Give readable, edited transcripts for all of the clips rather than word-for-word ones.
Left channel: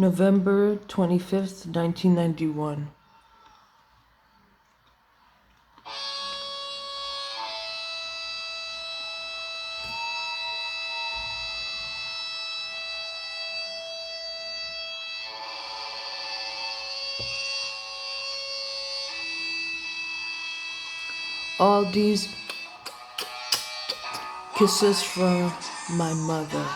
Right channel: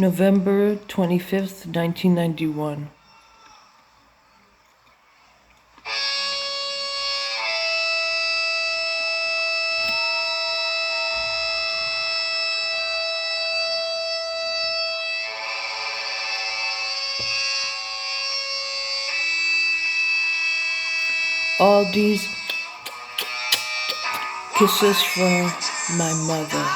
November 25th, 1991. All these kisses for my mother.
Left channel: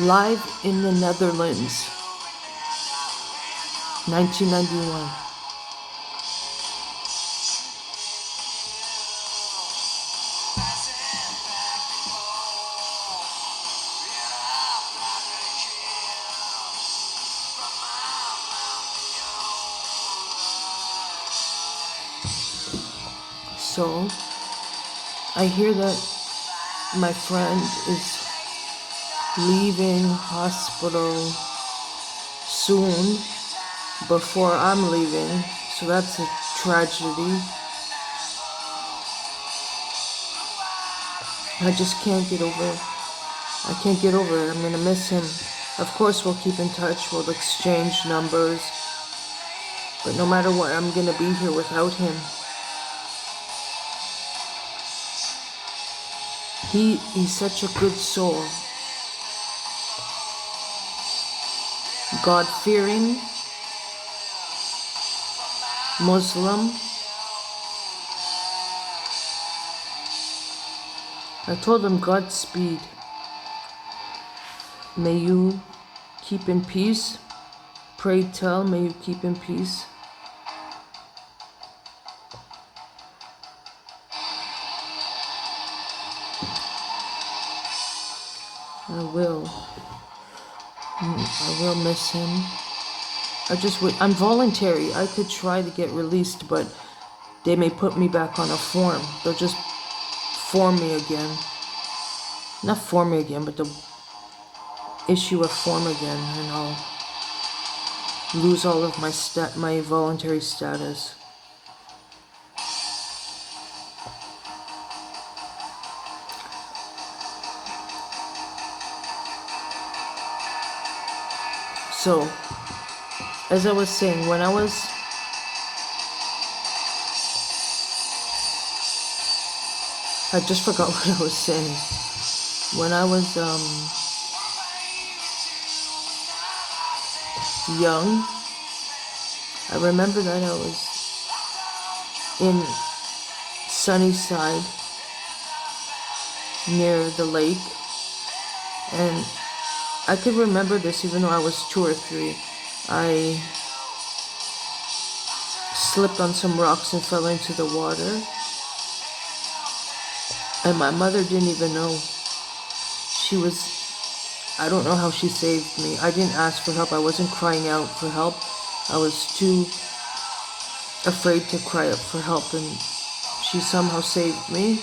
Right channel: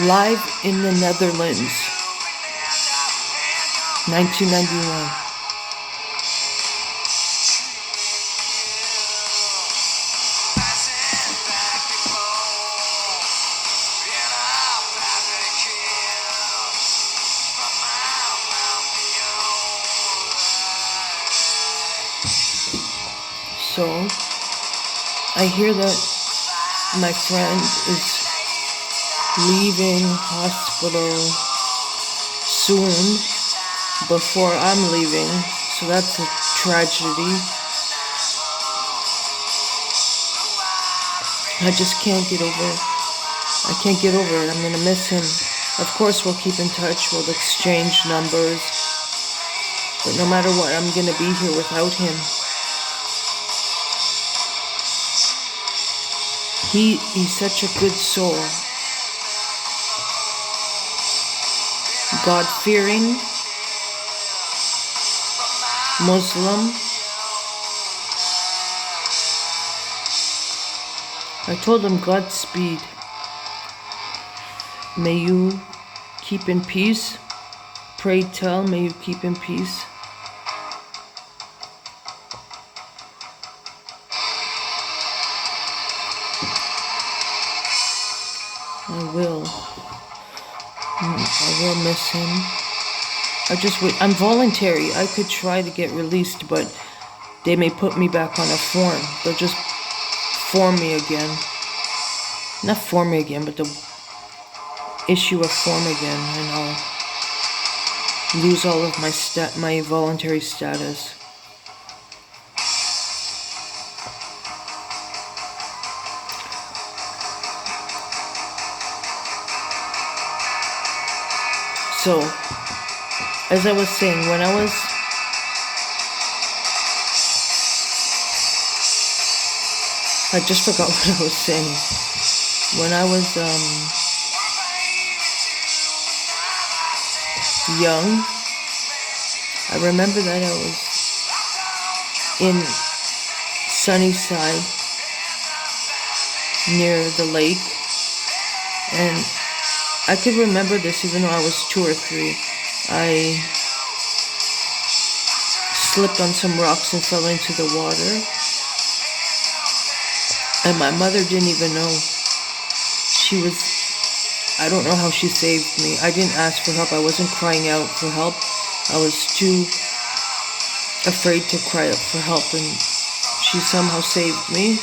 Live in the Netherlands, 1991. So, I hear that my friend is leaving hospital soon before I'm leaving, so that's a tragedy. I just can't get over it. I can't get over it. I'm gonna miss him. Of course we'll keep in touch, we'll exchange numbers, but no matter what, I'm gonna be here without him. He's such a good soul. God-fearing, Muslim. I told him Godspeed. May you keep in peace. Pray tell, may you keep in peace. I will miss him. I'm voluntary. I could try to get released, but they may put me back on a form. They'll just form me again. Not form me again, but they'll issue a form again, and I'll lose all of my voluntary status. So, as I was saying, I just forgot what I was saying. When I was young, I remember that I was in Sunnyside near the lake, and I could remember this even though I was 2 or 3. I slipped on some rocks and fell into the water. And my mother didn't even know. I don't know how she saved me. I didn't ask for help. I wasn't crying out for help. I was too afraid to cry out for help, and she somehow saved me.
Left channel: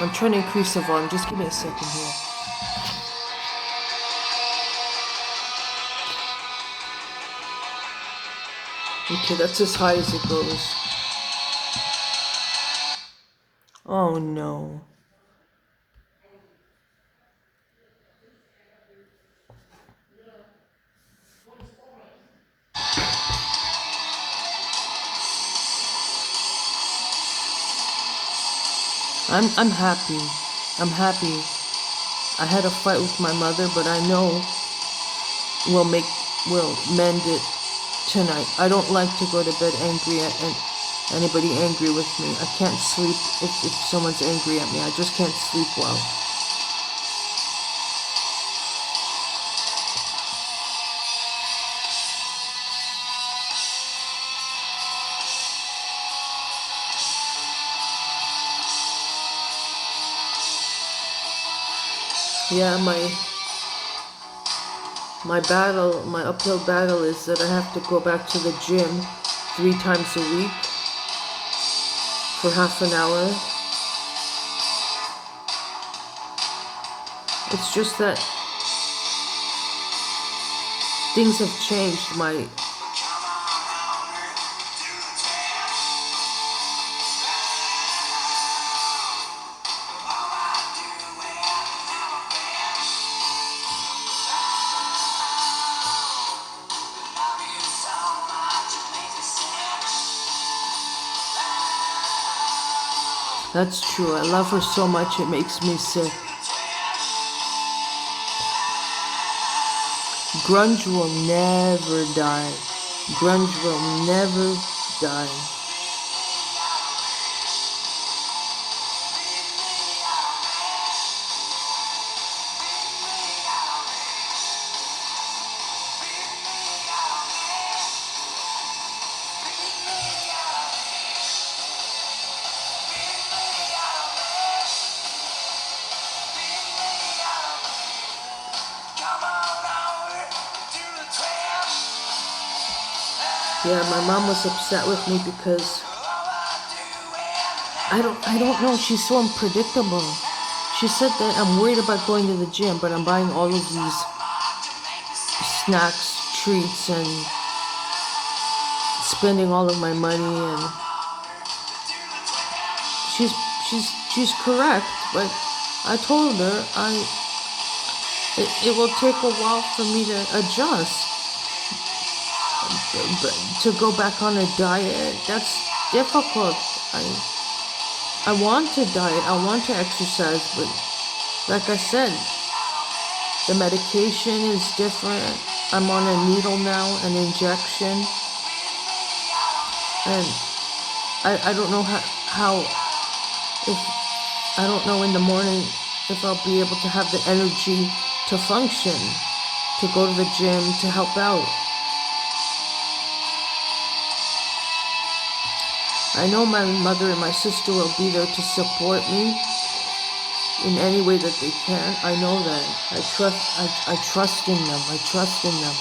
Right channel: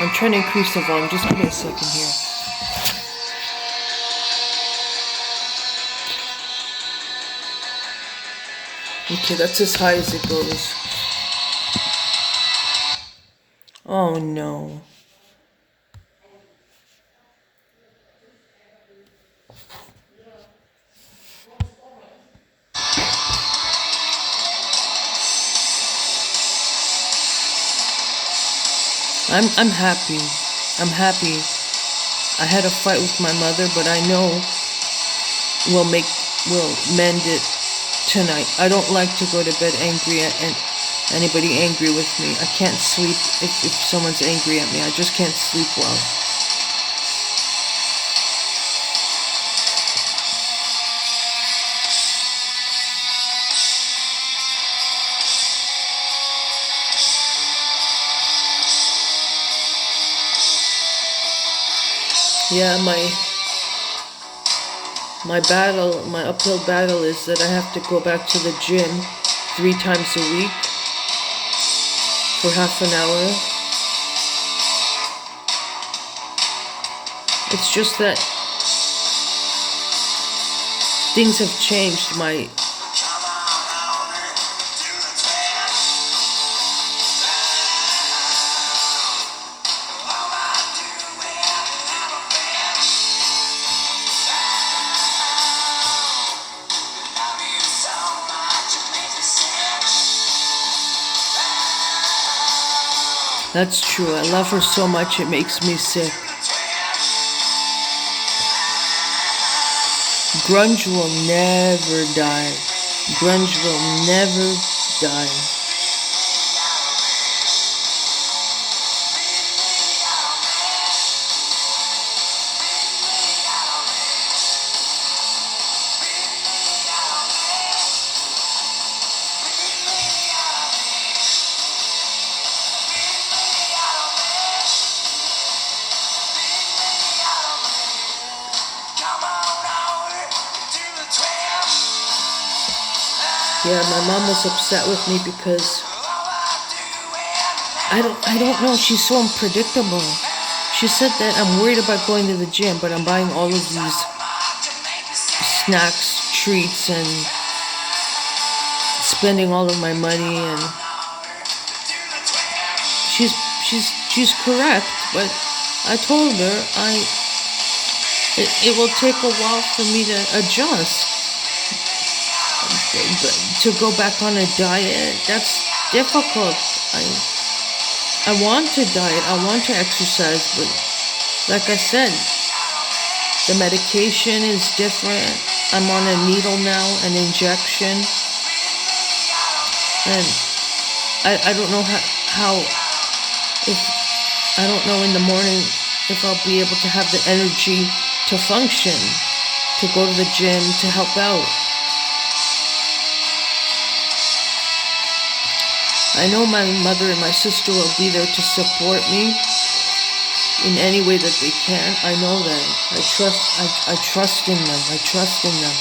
I'm trying to increase the volume. Just give me a second here. Okay, that's as high as it goes. Oh no. I'm happy. I'm happy. I had a fight with my mother, but I know we'll mend it tonight. I don't like to go to bed angry and anybody angry with me. I can't sleep if someone's angry at me. I just can't sleep well. Yeah, my uphill battle is that I have to go back to the gym 3 times a week for half an hour. It's just that things have changed. That's true. I love her so much it makes me sick. Grunge will never die. Grunge will never die. Yeah, my mom was upset with me because I don't know, she's so unpredictable. She said that I'm worried about going to the gym, but I'm buying all of these snacks, treats, and spending all of my money, and she's she's correct, but I told her it will take a while for me to adjust. But to go back on a diet, that's difficult. I want to diet, I want to exercise, but like I said, the medication is different. I'm on a needle now, an injection, and I don't know how if I don't know in the morning if I'll be able to have the energy to function, to go to the gym, to help out. I know my mother and my sister will be there to support me in any way that they can. I know that. I trust in them. I trust in them.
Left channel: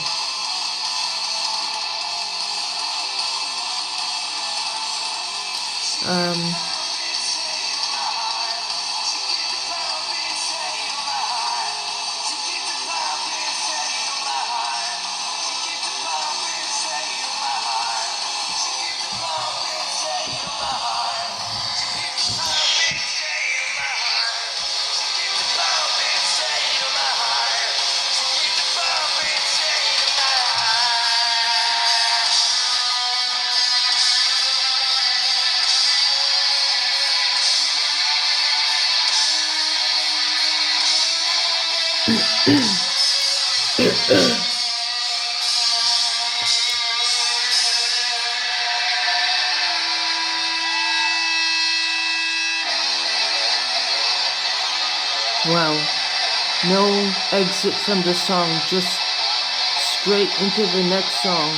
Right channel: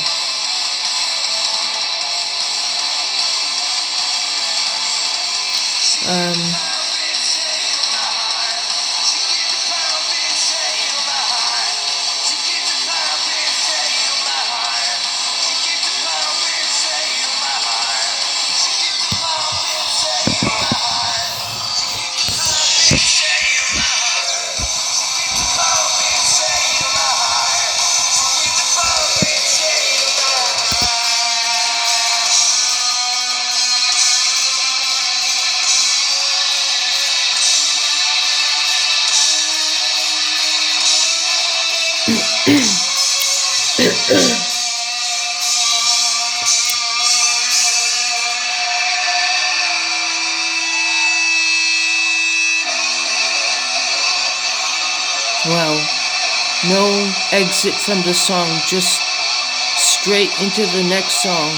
Wow. No exit from the song, just straight into the next song.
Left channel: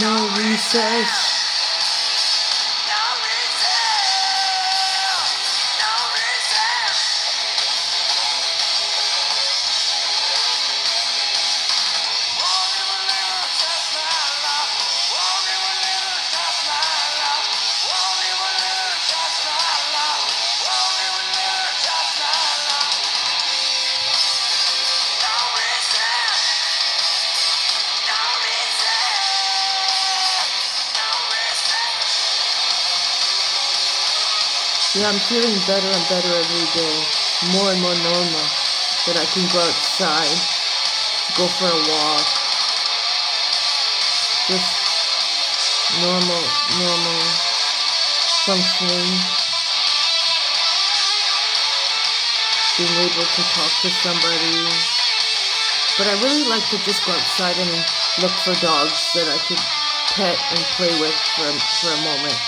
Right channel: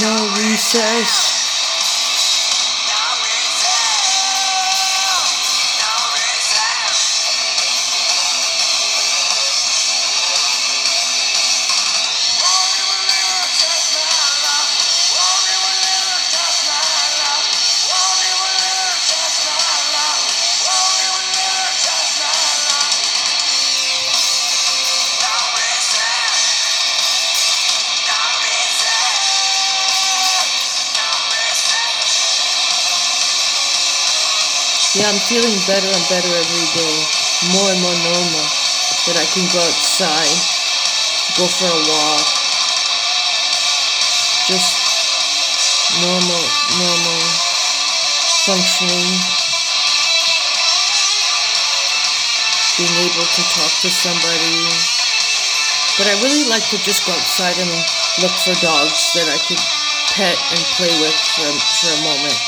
No recess. Yeah, I'm feeling better and better every day. More and more normal. That I can go outside, go for a walk. Just normal functioning. Being able to talk to somebody. But I really like to just go outside and look for dogs that I could pet and play with for a moment.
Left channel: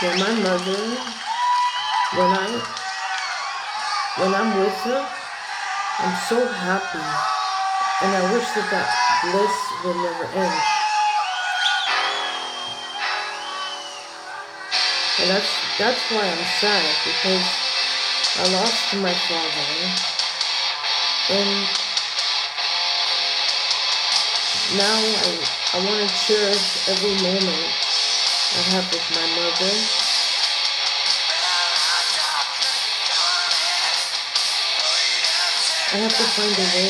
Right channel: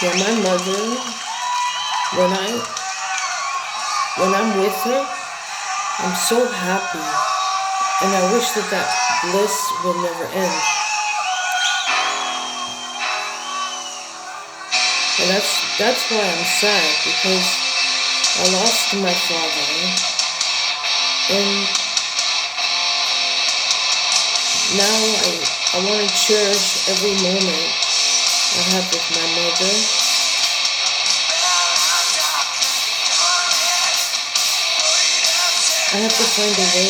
Yeah, my mother, when I'm with her, I'm so happy, and I wish that bliss will never end. And that's why I'm sad, because I lost my father, and now I want to cherish every moment I have with my mother. I have to find a way.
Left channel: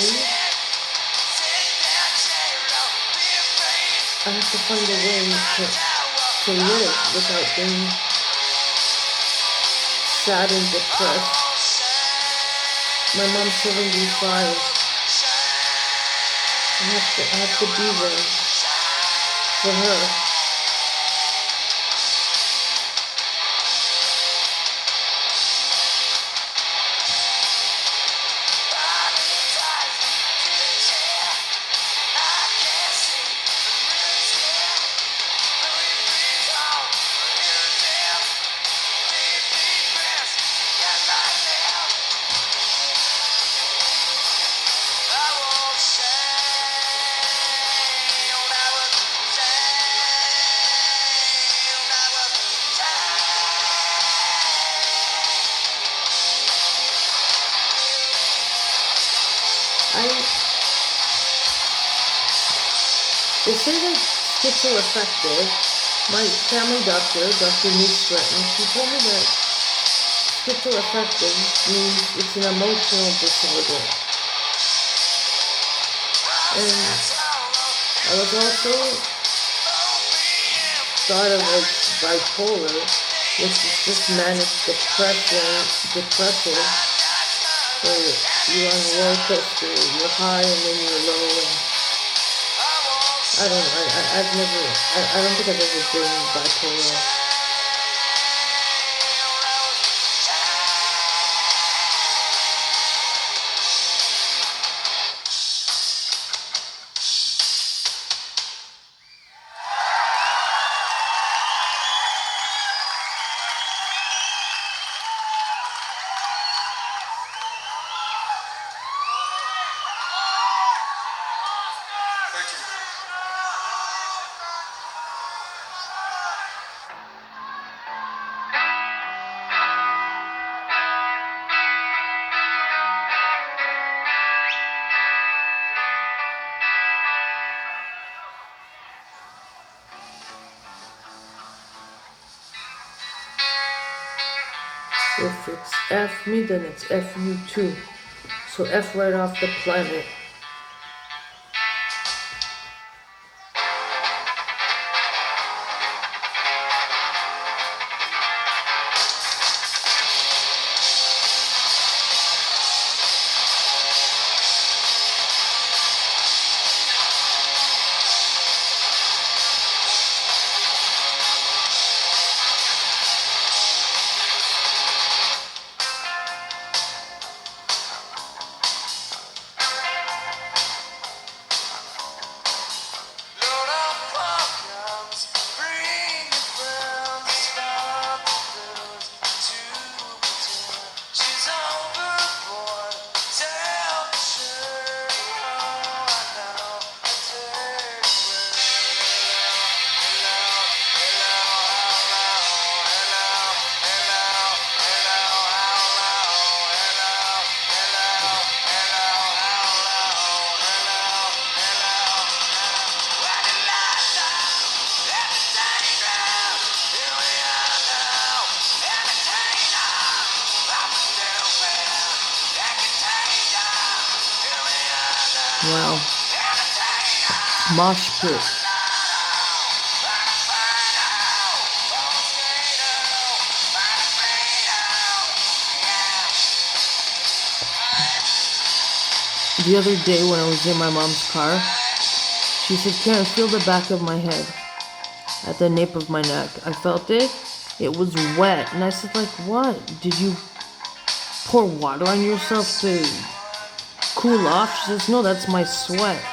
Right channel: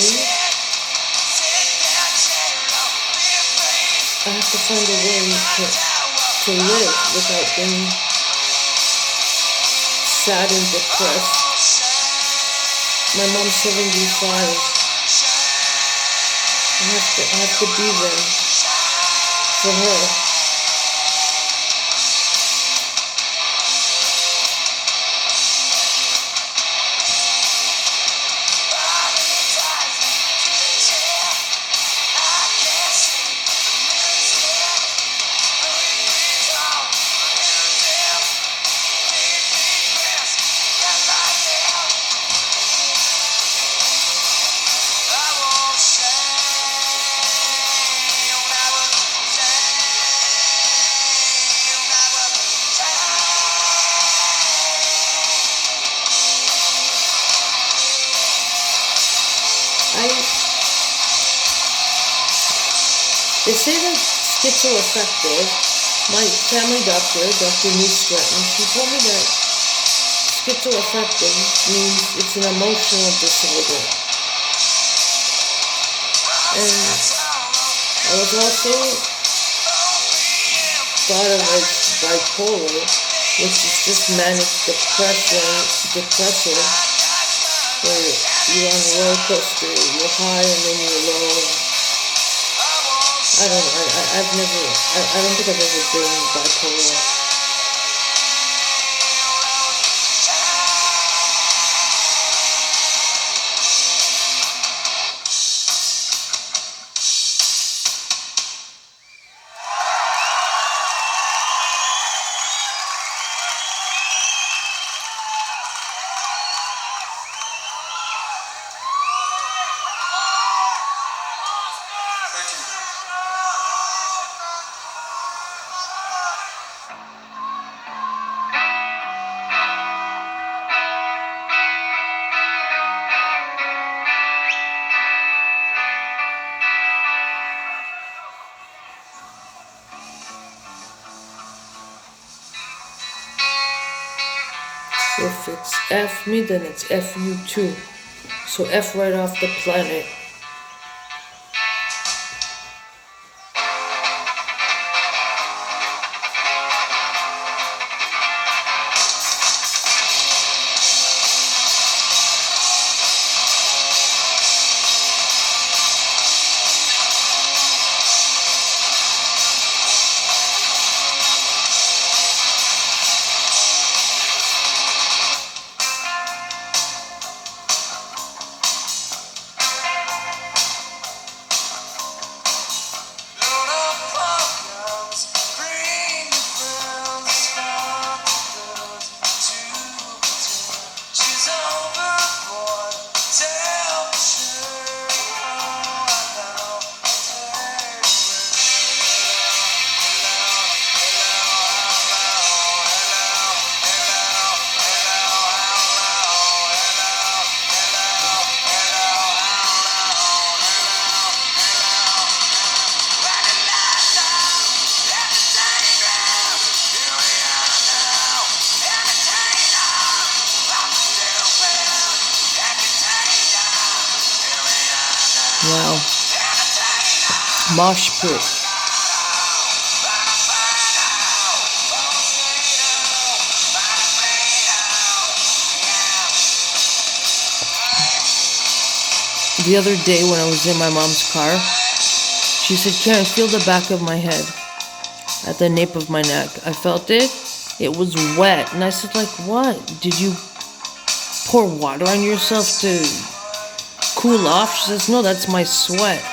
I have to find a way to live without being sad and depressed. My mom's 75. I have to be there for her. They say that schizoaffective, my family doctor, Dr. Newstratton, she told me that schizoaffective means it's an emotional disorder. And I was also thought of as bipolar, which is just manic depressive, where you're on a roller coaster, you're high and then you're low. I don't know, I don't think I've ever been bipolar. If it's F me, then it's F you too. So F right off the planet. Wow. Mosh pit. The other day when I was in my mom's car, she said, "Karen, feel the back of my head at the nape of my neck." I felt it. It was wet. And I said, like, what? Did you pour water on yourself to cool off? She says, no, that's my sweat.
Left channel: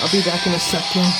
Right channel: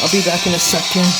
I'll be back in a second.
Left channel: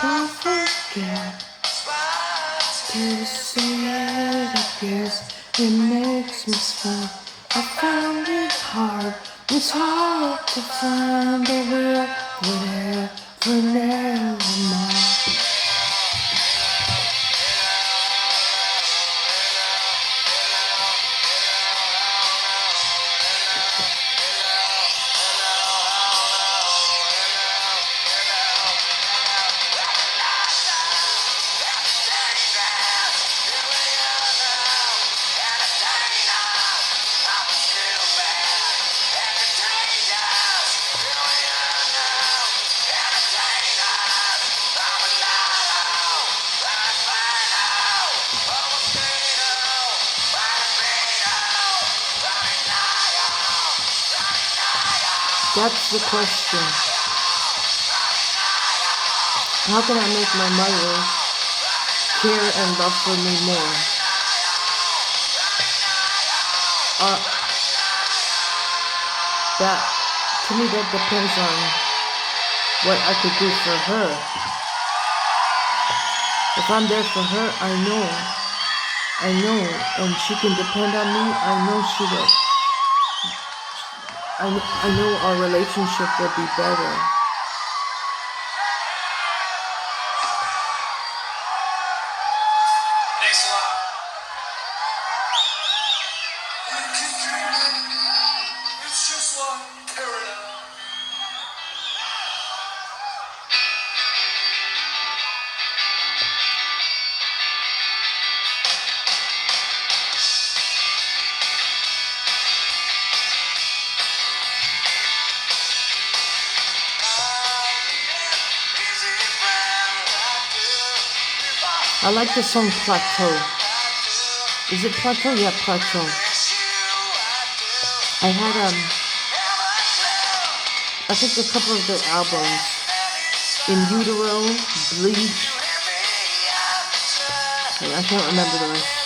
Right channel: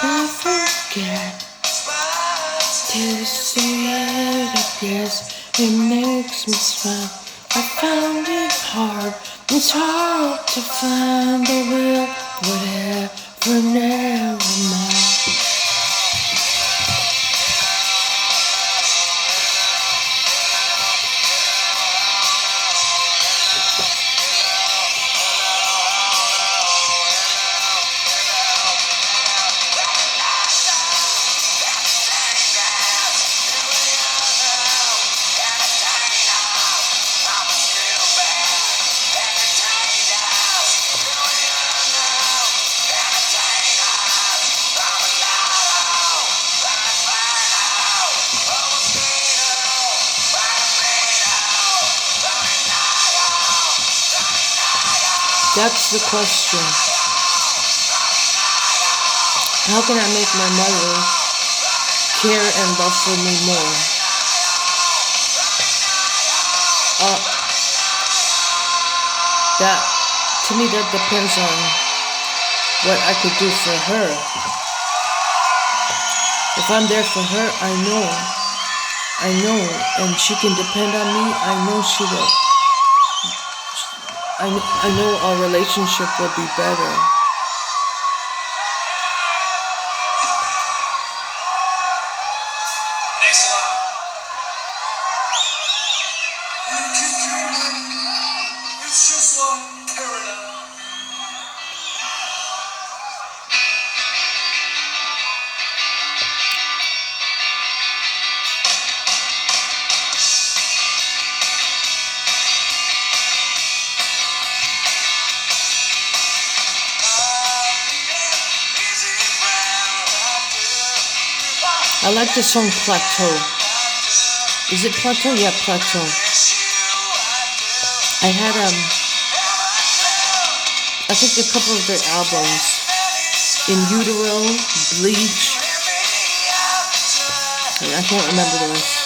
Don't forget to see it appears. It makes me smile. I found it hard. It's hard to find the real whatever. Never mind. That's the question. How can I make my mother care and love for me more? To me, that depends on what I could do for her. If I'm there for her, I know, and she can depend on me, I know she will. I know our relationship will be better. Thanks a lot. It's just like paradise. I like the song Plateau. Is it Plateau? Yeah, Plateau. I had I think a couple of their albums. In Utero, Bleach, and I can't remember the rest.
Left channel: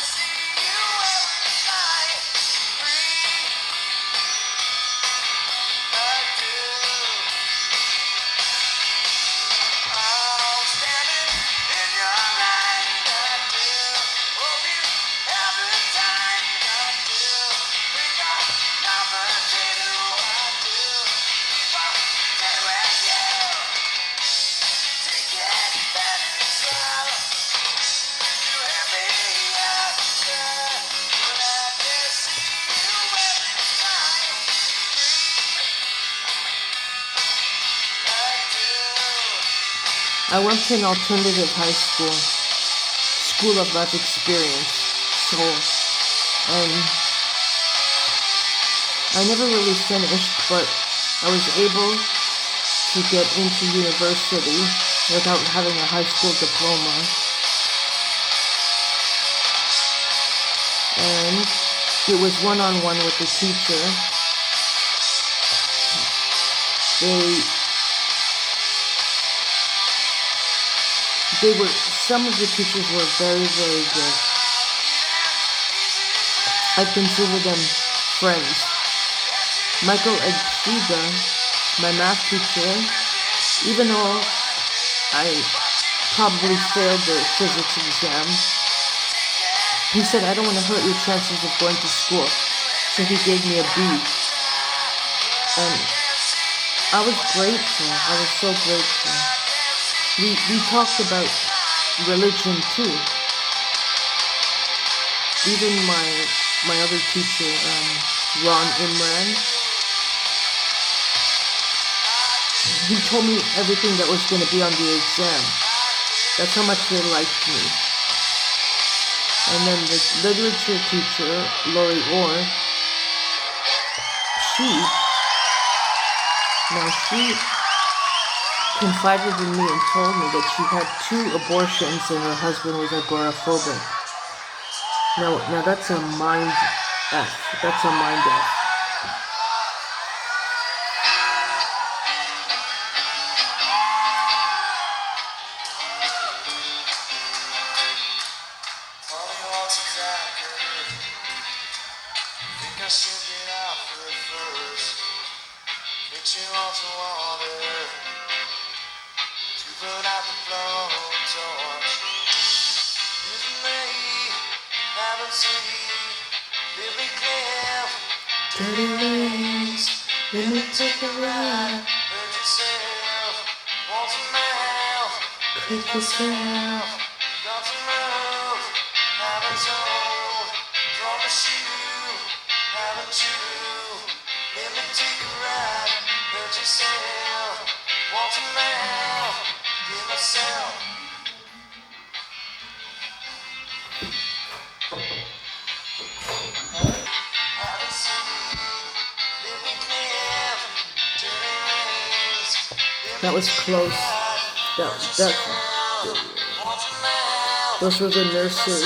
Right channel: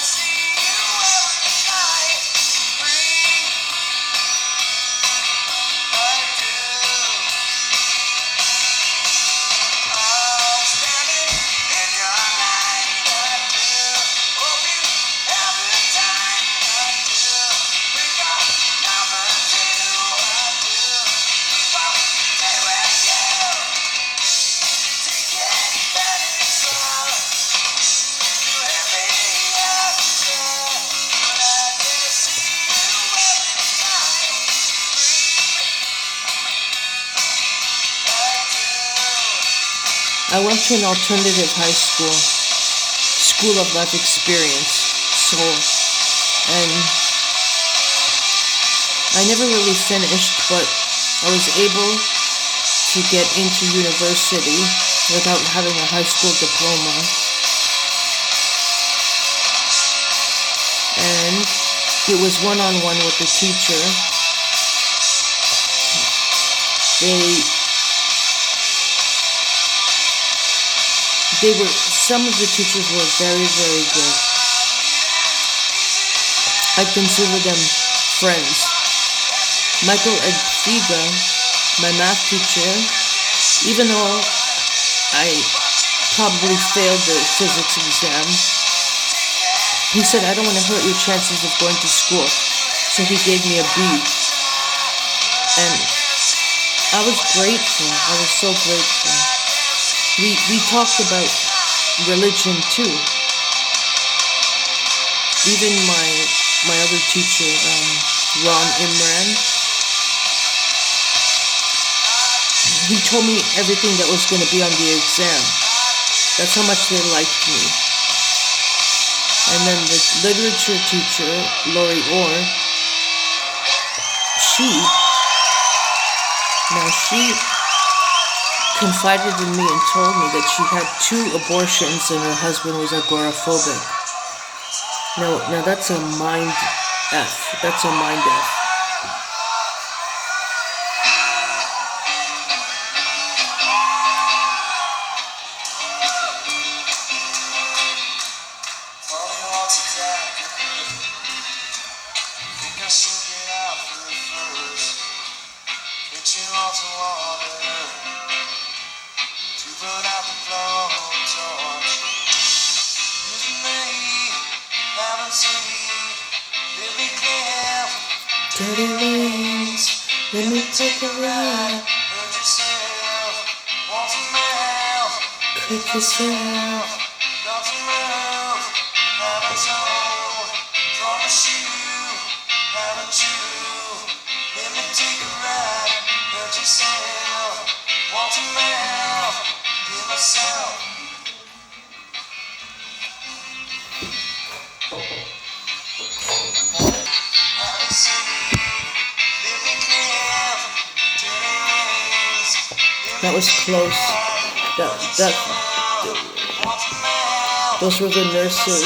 I went to an alternative high school, School of Life Experience, Seoul, and I never really finished, but I was able to get into university without having a high school diploma. And it was one-on-one with the teacher. Some of the teachers were very, very good. I consider them friends. Michael Edfiga, my math teacher, even though I probably failed the physics exam, he said, I don't want to hurt your chances of going to school. So he gave me a B. And I was grateful. I was so grateful. We talked about religion too. Even my other teacher, Ron Imran, he told me everything that was going to be on the exam. That's how much they liked me. And then the literature teacher, Lori Orr, she confided in me and told me that she had 2 abortions and her husband was agoraphobic. Now that's a mind F. That's a mind F. Falling hearts a cracker. Think I should get out for it first. Get you onto water to put out the blowtorch. Isn't they haven't seen? Let me clear. Dirty rings, let me take a ride. Hurt yourself. Want some help? Quick yourself. Got to move. Haven't told. Promise you. Haven't you? Let me take a ride. Hurt yourself. Want some help? Give myself. Haven't seen. Let me clear. Dirty rings. That was close. Those were the nurses.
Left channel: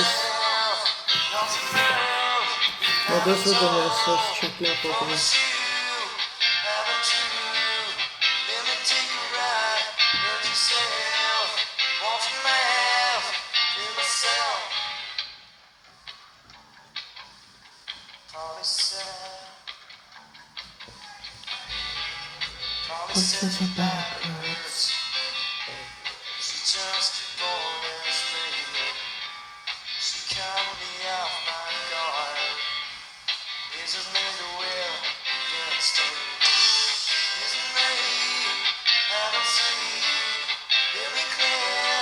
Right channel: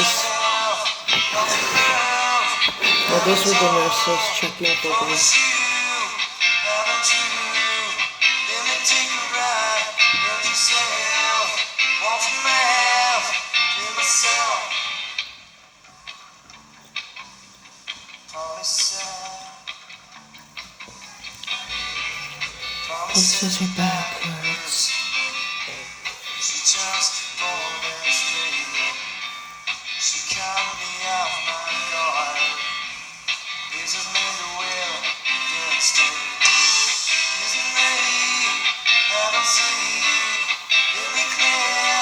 Yeah, those were the nurses checking up over me. Places her back hurts. She just always me. She can't be out my guard. It's just made the will against her. Isn't me? I don't see. Let me clear.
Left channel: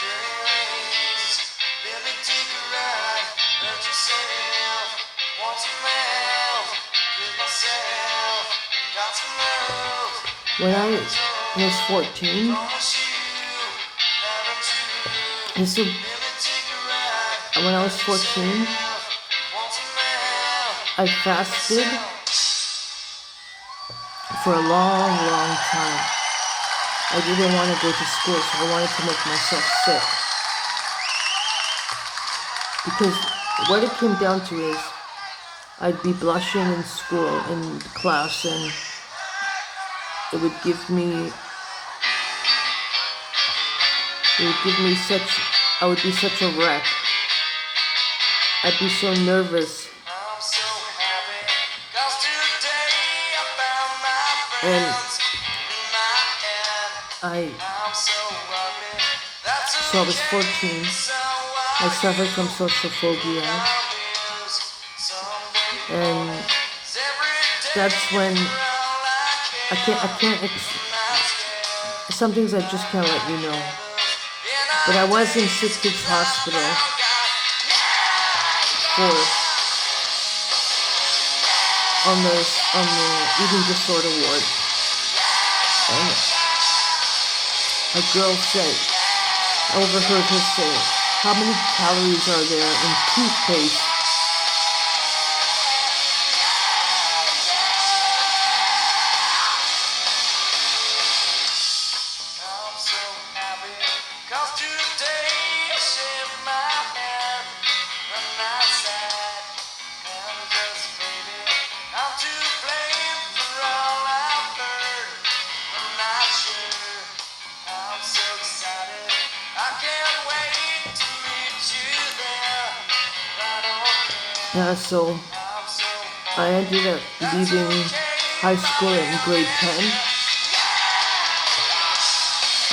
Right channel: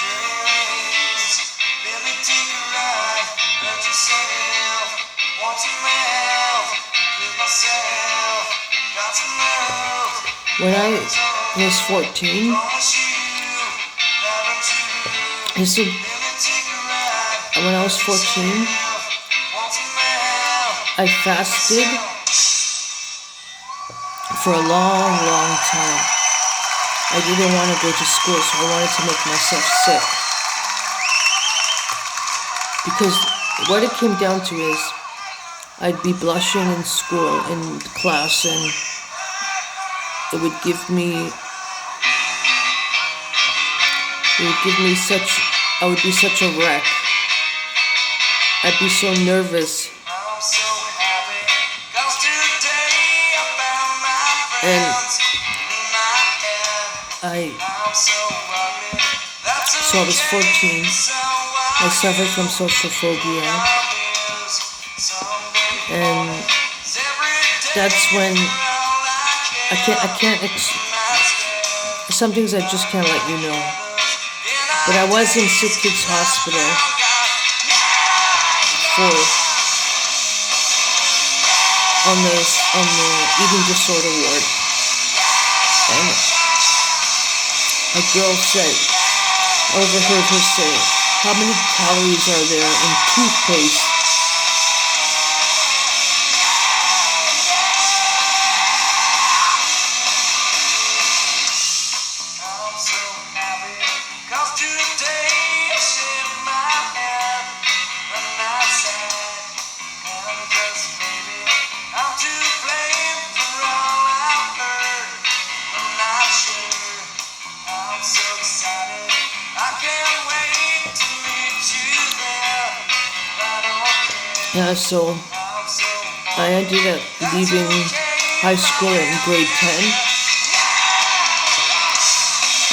Dirty rings. Let me take a ride. Hurt yourself. Want some help? With myself. Got to move. When I was 14, when I was 14, I fasted for a long, long time. I didn't want to go to school, so I wanted to make myself sick. Because what it came down to is, I'd be blushing in school, in class, and it would give me such, I would be such a wreck. I'd be so nervous. I'm so happy, 'cause today I found my And friends in my head. I'm so ugly, that's so I was 14. so I suffered from social phobia. obvious. Someday And that's when some things I just can't let you know. But I was in Sick Kids Hospital on the eating disorder ward. And a girl said, overheard her say, "How many calories are there in toothpaste?" I'm so happy, 'cause today I shaved my head. I'm not sad, I'm just maybe I'm to blame for all I've heard. I'm not sure, I'm so excited, I can't wait to meet you there. I don't care, Yeah, so I'm so I ended up leaving high school in grade 10.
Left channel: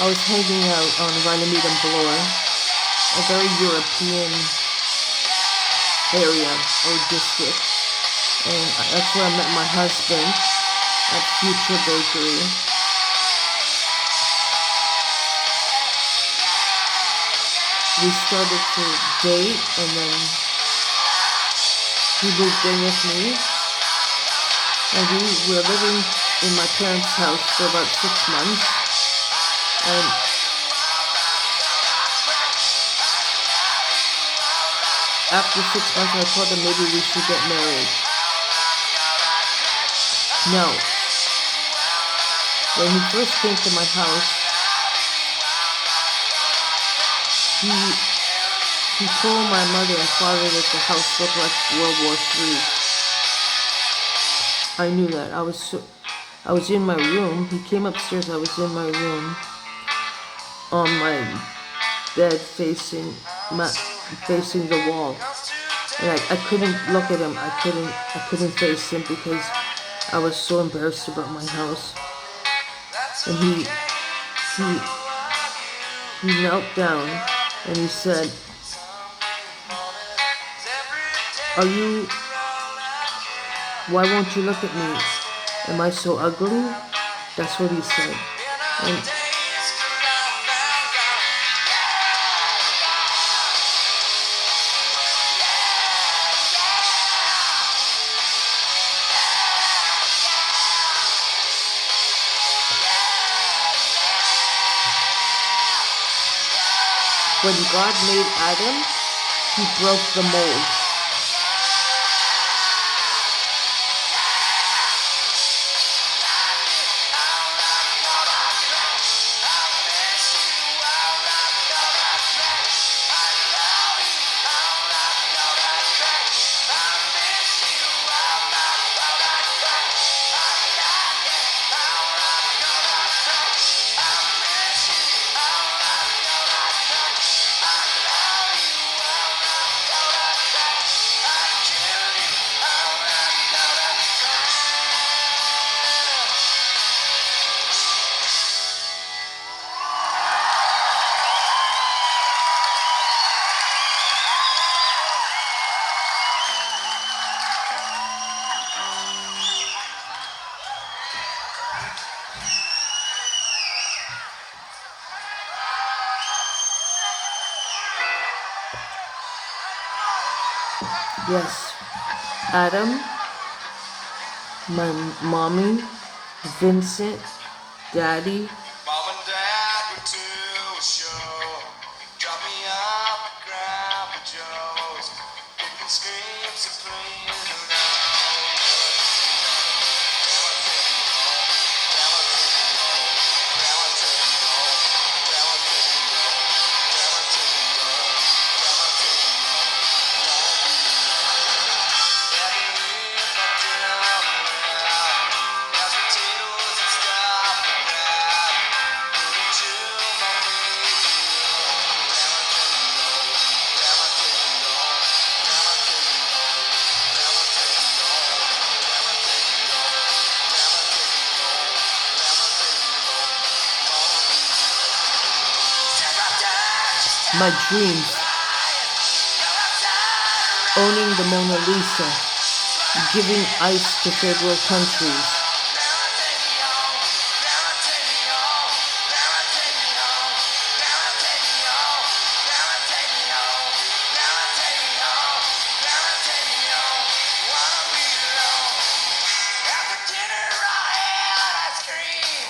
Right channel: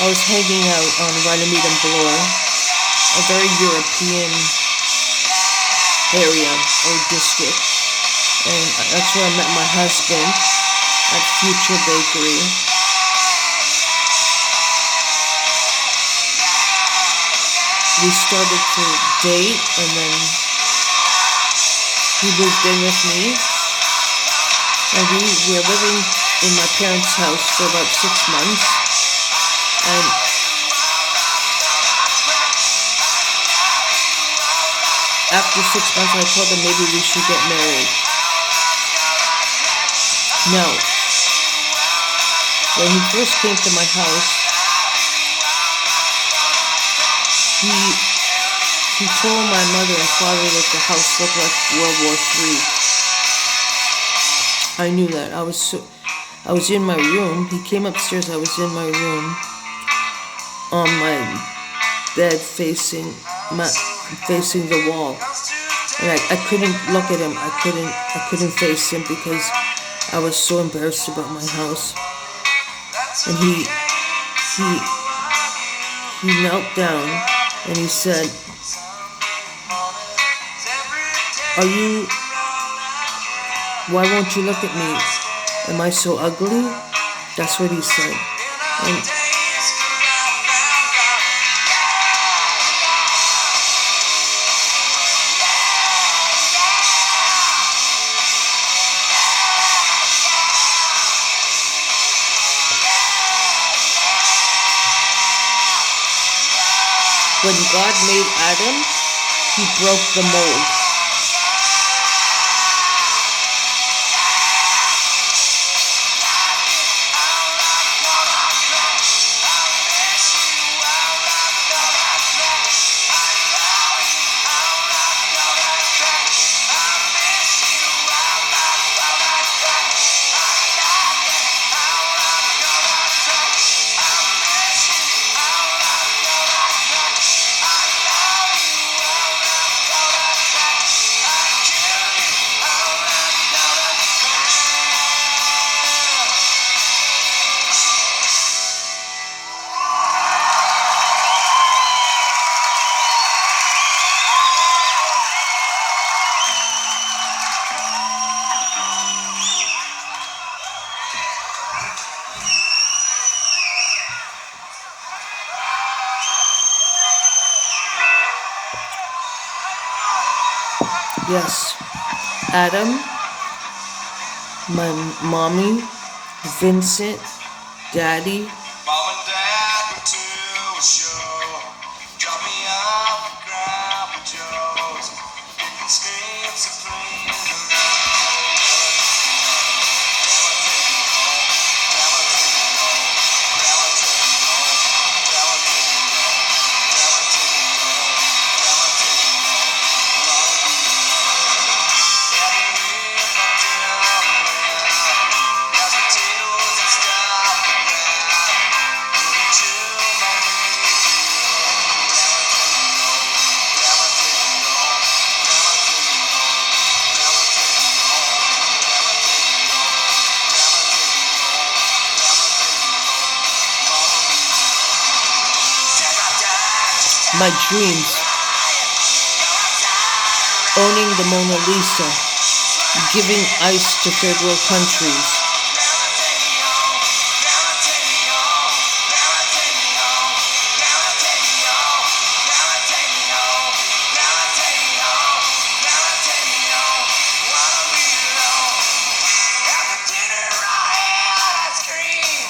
I was hanging out on Runnymede and Bloor, a very European area or district. And that's where I met my husband at Future Bakery. We started to date, and then he moved in with me. And we were living in my parents' house for about 6 months. And after 6 months, I told him maybe we should get married. No. When he first came to my house, he told my mother and father that the house looked like World War III. I knew that. I was in my room. He came upstairs. I was in my room on my bed facing the wall. And I couldn't look at him. I couldn't face him because I was so embarrassed about my house. And he knelt down and he said, why won't you look at me? Am I so ugly? That's what he said. And when God made Adam, he broke the mold. Yes, Adam, my mommy, Vincent, Daddy. Mom and Dad went to a show. Drop me off at Grandpa Joe's. And scream supreme and My dreams. Owning the Mona Lisa. Giving ice to third world countries. After dinner I had ice cream,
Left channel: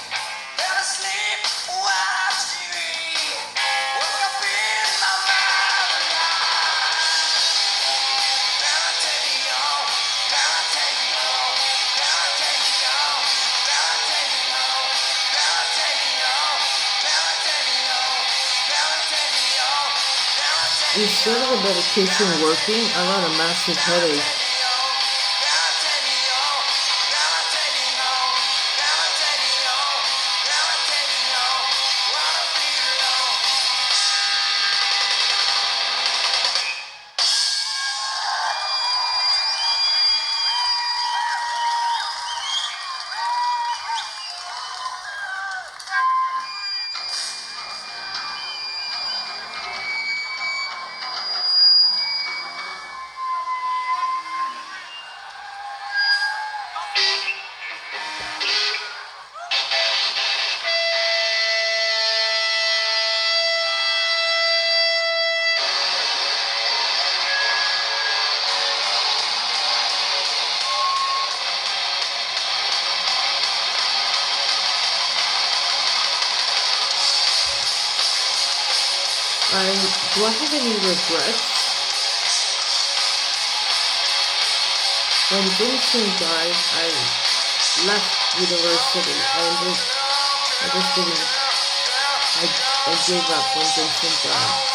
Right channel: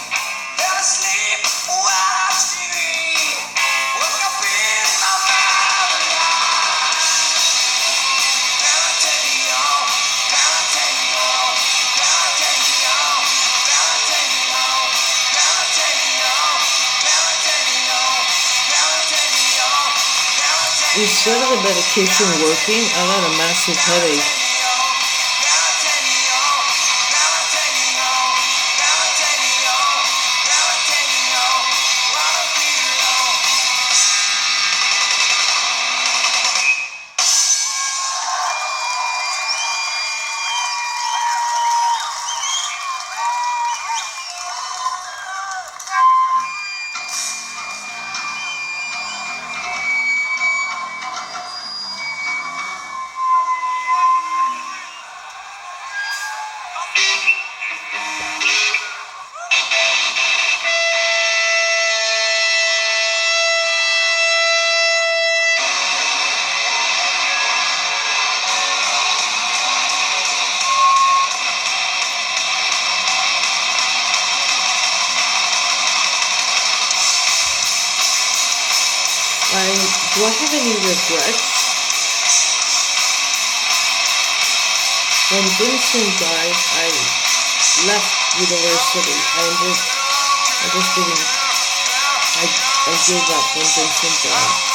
fell asleep, watched Instead of the medication working, I got a massive headache. Do I have any regrets? When Vincent died, I left university. I just didn't, I gave up when Vincent died.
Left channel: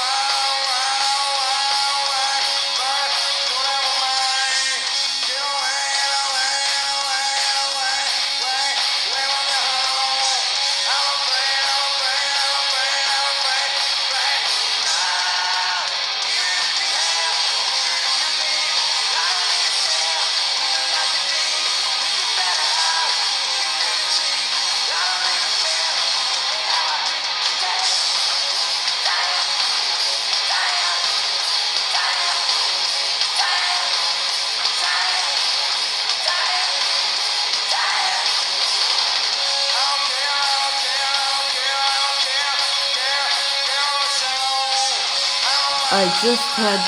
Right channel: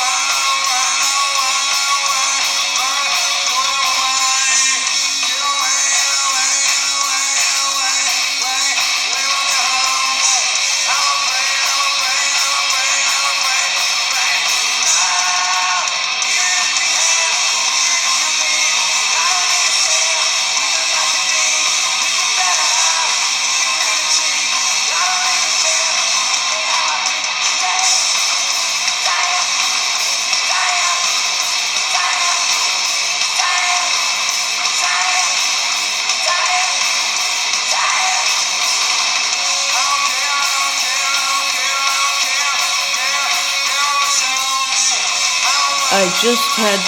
I just had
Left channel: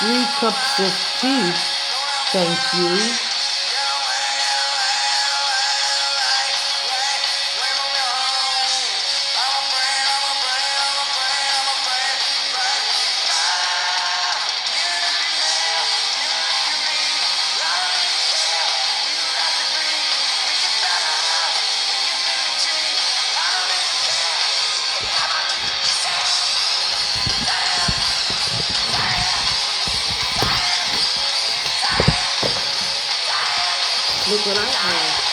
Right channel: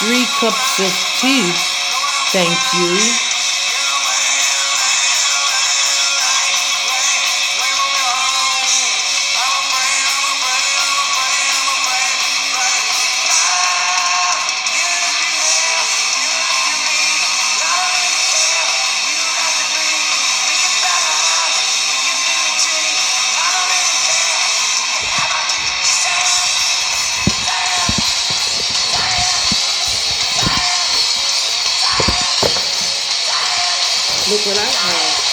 3 cups of tea. Thank you. Look what I have.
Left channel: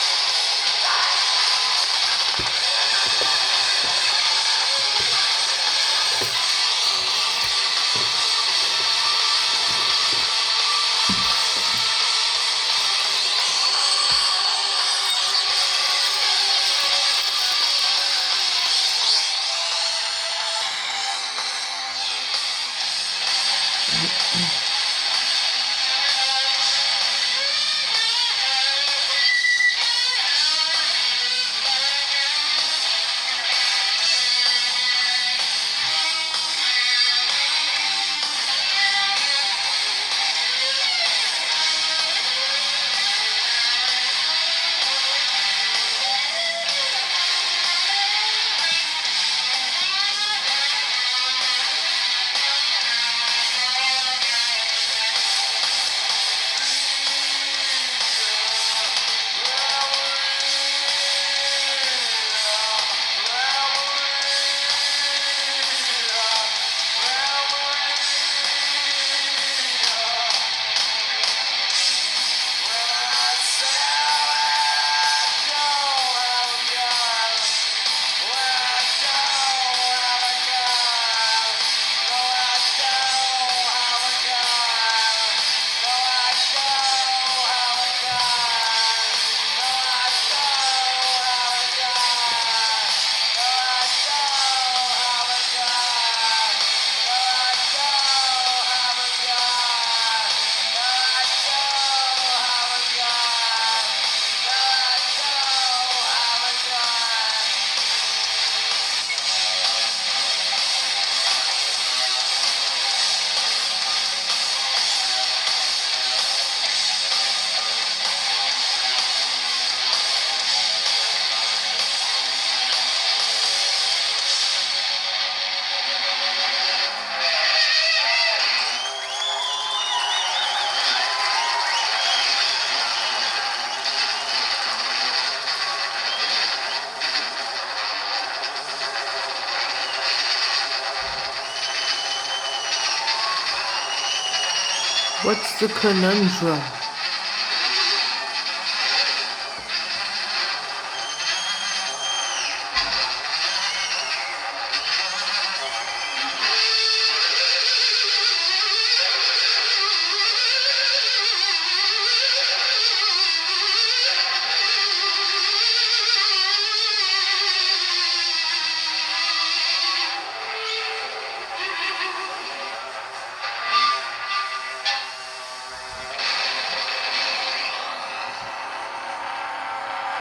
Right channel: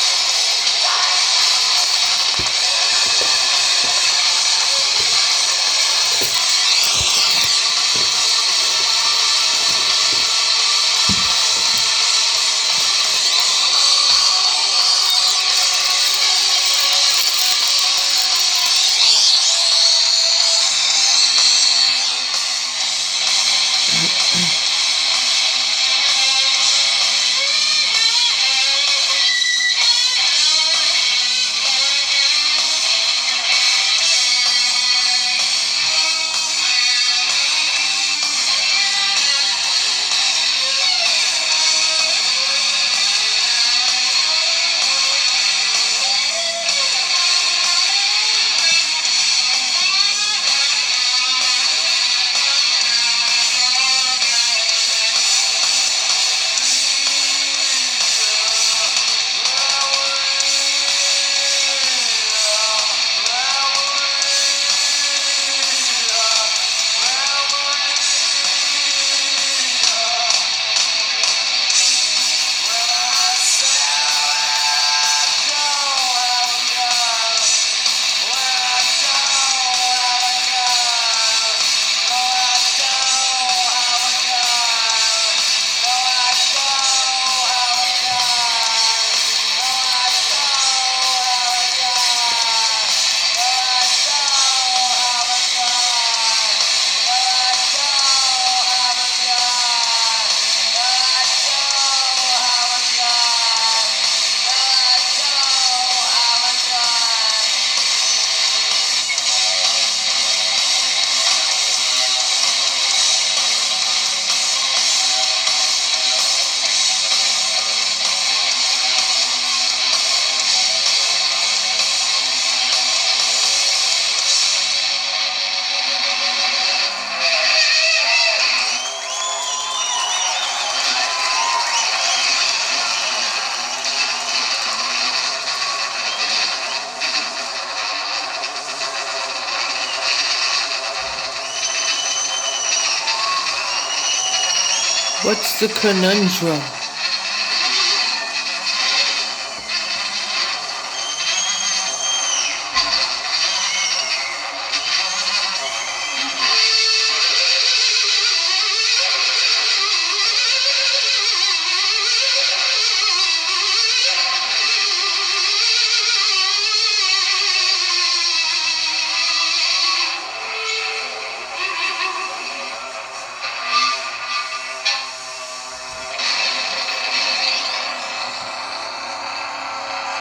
What's the conundrum?